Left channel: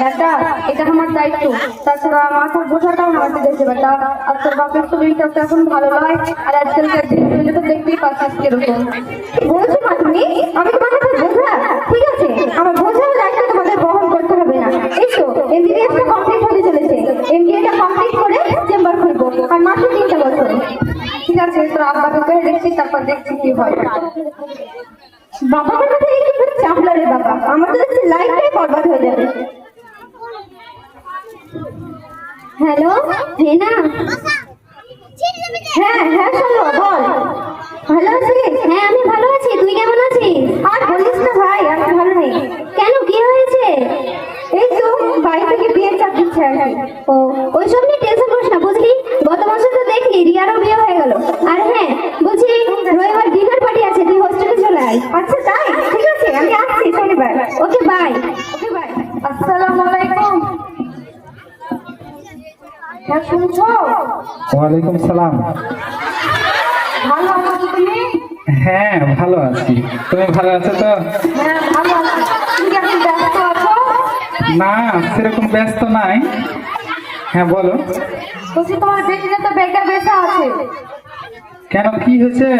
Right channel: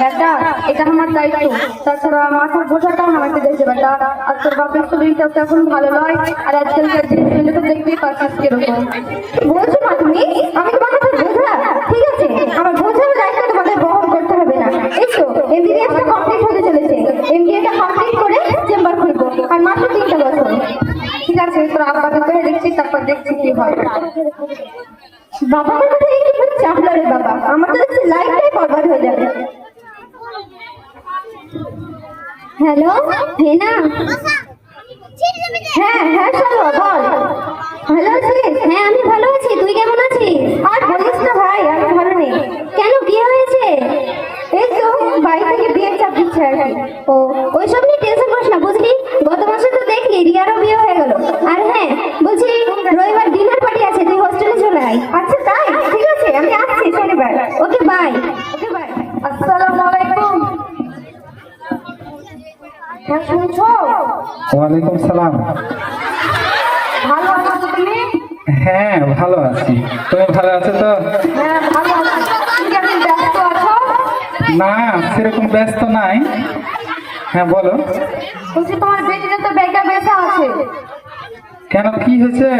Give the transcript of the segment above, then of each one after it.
বেটা এটা আমার দায়িত্ব তাছাড়া মাথার বোঝাটাও মাকে দেখে বেটা আর তোর বাপের শরীরটা তো এখন ভালো নয় আর আজকালকার দিনগুলো তো দেখতেই পাচ্ছিস কীরকম তুমি, আমি মাথায় বোঝা ঠিক আছে আমার বোঝার দায়িত্ব তোমাদের বহন করতে হবে না এই তো এমবিবিএসটা কমপ্লিট হতে চলেছে এমবিএটা কমপ্লিট করে চেম্বার খুলবো আর মাত্র তিনটা বছর ঠিক আছে তোর আব্বাকে করে দেখছি তারপর দেখছি কি হয় বাবা হয়ে হ্যালো হেনা হ্যাঁ হ্যাঁ চলো, বল। ভালো আছিস? হ্যাঁ আমি ভালো আছি। তুই কেমন আছিস? আর বলিস না ভাই আমি ভালো নেই। কেন, কি হয়েছে? এই তো, বাড়ি থেকে বিয়ের চাপ দিচ্ছে আর কি। ও, ওইসব নিয়ে টেনশন করিস না বুঝলি গত মাসে তো দেখলি রিয়ারও বিয়ে হয়ে গেল আর হ্যাঁ বলছি রবিবার ডিনার পার্টি আছে তুই হোস্টেলে চলে আয় আচ্ছা তাই ঠিক আছে আমি আসছি শনিবার ওকে বাই ওকে বাই আসসালামু আলাইকুম হ্যাঁ শুনছো? ওয়ালাইকুম সালাম। ভালো আছো তুমি? হ্যাঁ ভালো আছি। তুমি ভালো আছো তো? হ্যাঁ ভালো আছি। ঠিক আছে ব্যস্ত আছো? না সেরকম ব্যস্ত নাই। হ্যাঁ বলো। বলছি তোমার বেটিটা তো বেকা বেসা আছে। কেন কি হয়েছে?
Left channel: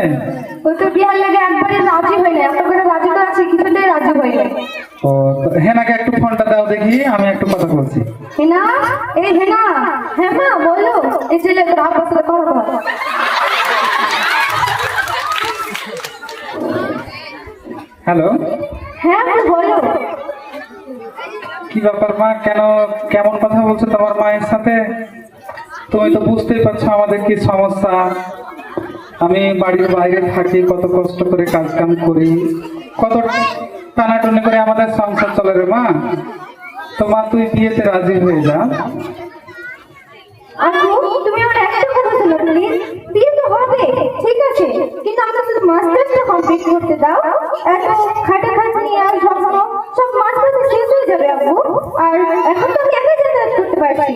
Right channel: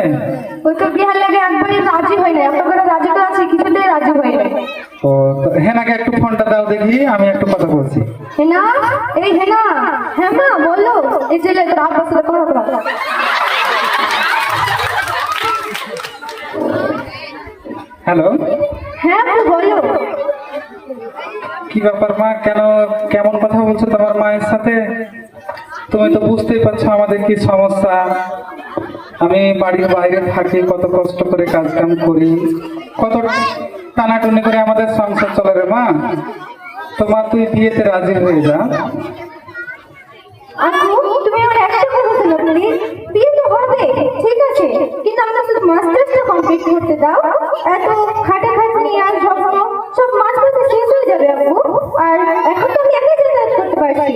ওই তো বিহার লেগে একবারই রাজি হয়নি। এত করে রাজি তো আছে কিছুতেই রাজি হয়নি। ও হেনাকে একটু ফোনটা দাও দেখি আমি একটু কথা বলছি। হেনা? এই হেনা হ্যাঁ মা বলো। এই ছেলে সাথে কথা বল হ্যালো? হ্যাঁ বলো। কি ব্যাপার মা? কেন কেমন কথা বলছো তোমার মায়ের সাথে? তুমি তো বুঝতেই পারছ আমাদের কি সমস্যা। আমি বাড়ির বাইরে থাকি কত কষ্ট করে কাজ কাম করি। কত টানাটুনি করে আমাদের সংসার চলে রে মা। তোমার তুই বিয়েতে রাজি হয়ে যা। আপু তুমি আমার একটা কথা শোনো প্লিজ বিয়ে তো হবে ঠিক আছে কিন্তু আমার শুধু মাস্টার্সটা কমপ্লিট করতে দাও। এত খাটে খাটনি আর ঝগড়া সব মাস্টার্সে শেষ হয়ে যাবে আপু। আর এখন তো আমি একাই যাতায়াত করতে পারছি।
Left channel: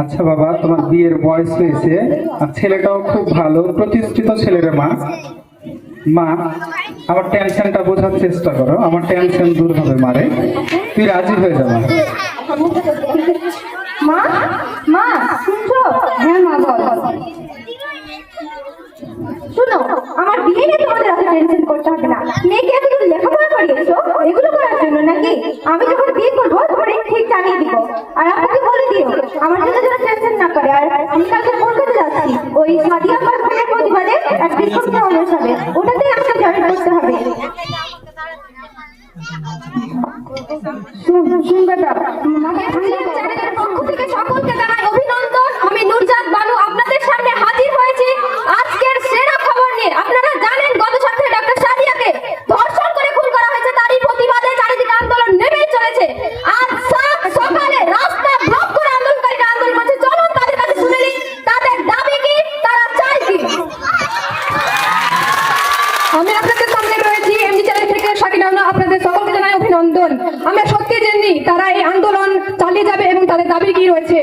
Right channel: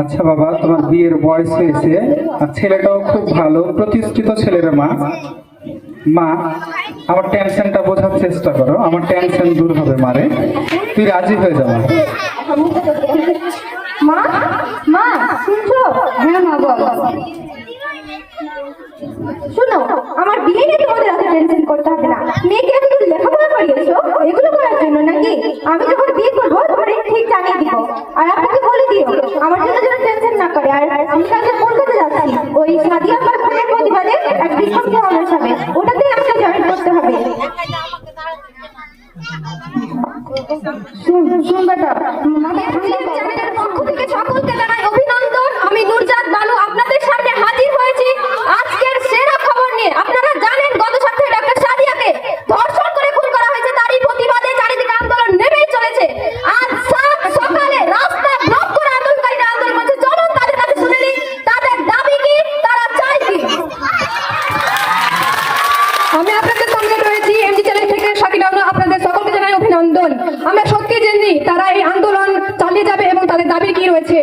আচ্ছা বাবা তোমার বিয়ের বয়স হয়েছে আর ছেলেটাও খুব ভালো প্রতিষ্ঠিত ছেলের মা। মা, আমার টেনশনটা বোঝার চেষ্টা করো। আমার টেনশন দূর হবে, মারে। তুই রাজি হয়ে যাবে। মা মা হ্যাঁ শোনো, আমার বিয়ে টেনশন লেখাপড়া এগুলো আমি যখন বিয়ে করব ঠিক জানিয়ে দিব। আর আপনাকে বলে দিও, আমার জন্য যেন টেনশন না করে আর আমি কালকে কলকাতা যাচ্ছি ওই সাদিয়া আমার বোনের প্রতিবাদে এক বিক্ষোভ সমাবেশ হবে ওটাতে আমাকে জয়েন করতে হবে শুন শুন বেটা আমাদের চ্যানেলের পক্ষ থেকে সকলকে জানাই অভিনন্দন আমি নুরজাত বানু আপনাদের সামনে হাজির হয়েছি আজকের সেরা খবর নিয়ে আপনারা জানেন গত সপ্তাহে ডক্টর সাদিয়াকে ধর্ষণ করে খুন করা হয়েছে তারই প্রতিবাদে চারিদিকে আন্দোলন নেমেই চলেছে আজ সাত সকালে রাস্তা ব্লক করে আন্দোলনকারীরা আন্দোলন করছে চলুন তাদের কাছে শুনে নিই তাদের দাবি কি তারা চাই কি আমি আপনাদের সামনে রয়েছি এমজি চ্যানেল থেকে শাকিনাউনা আপনাদের সকলকে জানাই অভিনন্দন আমরা সত্যি জানি তারা এই আন্দোলন চালিয়ে যাবে এবং তাদের দাবি কি রয়েছে?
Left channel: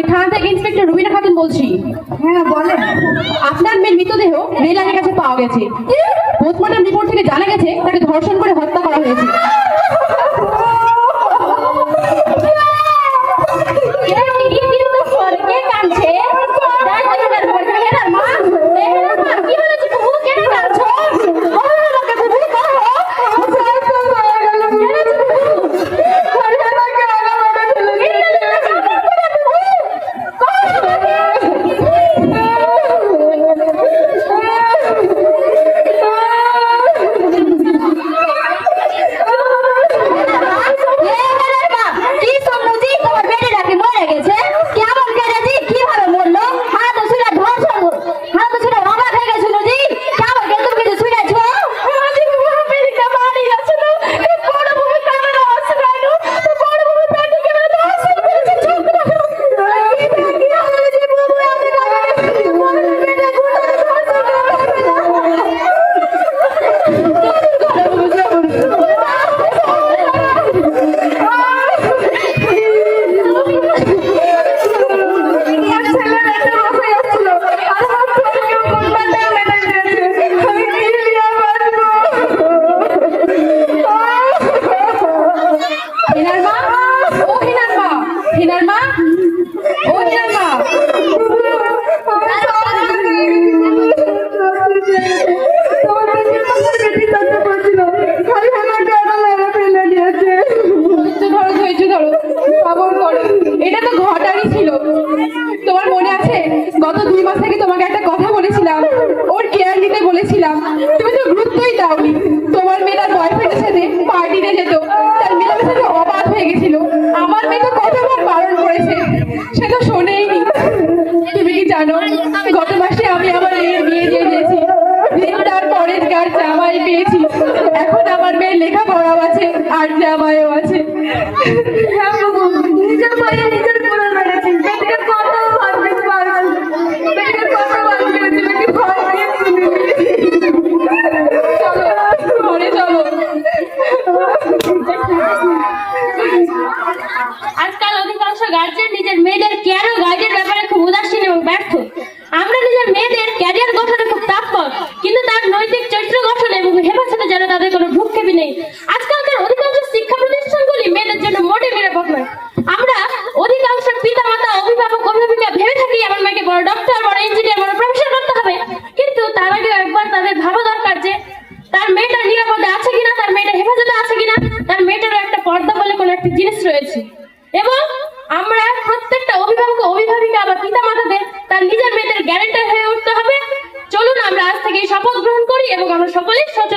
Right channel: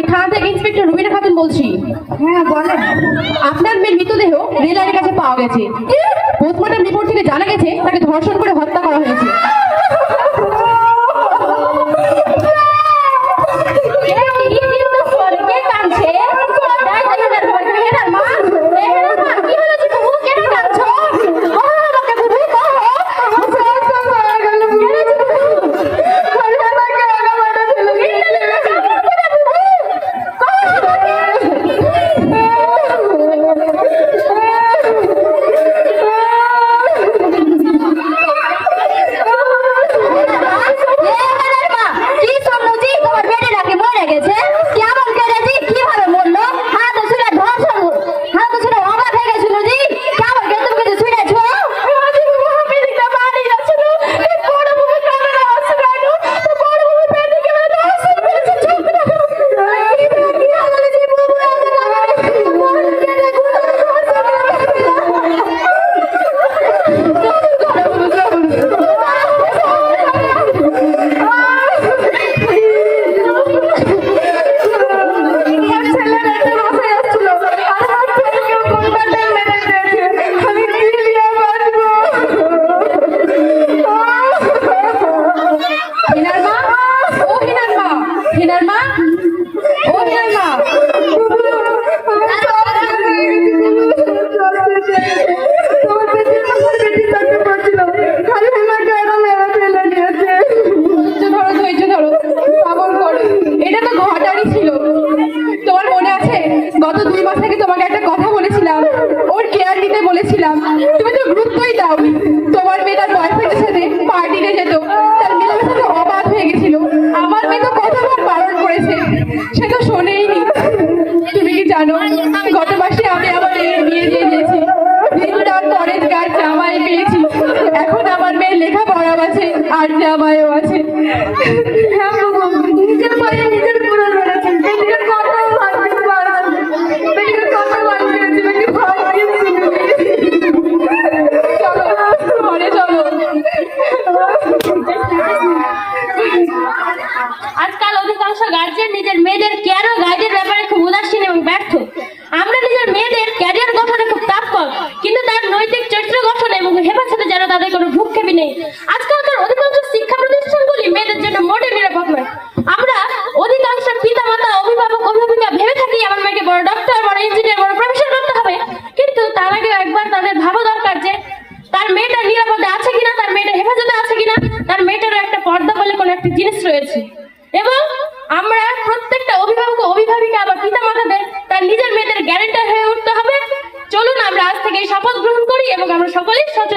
আমি থানা থেকে ইন্সপেক্টর রুবিনা খাতুন বলছি। হ্যাঁ বলেন। আপনার মেয়ের মৃতদেহ রেলারের কাছে পাওয়া গেছে। পোস্টমর্টম রিপোর্ট থেকে জানা গেছে তাকে ধর্ষণ করে হত্যা করা হয়েছে। বলেছিলাম তুমি তো গুরুত্বই দাওনি। তোমার মেয়ে তার বয়ফ্রেন্ডের সাথে পার্টিতে যেত। তার মেলামেশা তো অবাক হয়ে গেছিল। আমার মেয়ে তো কতবার বারণ করেছে, সে তো শোনেইনি। তুমি কি জানো, গত মাসে আমি আমার মেয়ের বিয়ে দিয়ে দিয়েছি। তার পরের গার জামাই পেয়েছি। এখন আমার মেয়ের লেখাপড়াও আছে, আর জামাইও আছে। আজকাল অধিকাংশ গার্জেন নিজের মেয়েদের কেয়ার ও গাইডের ব্যাপারে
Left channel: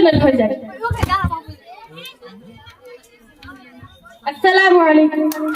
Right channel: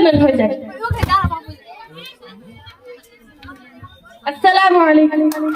علم الهدى. السلام عليكم.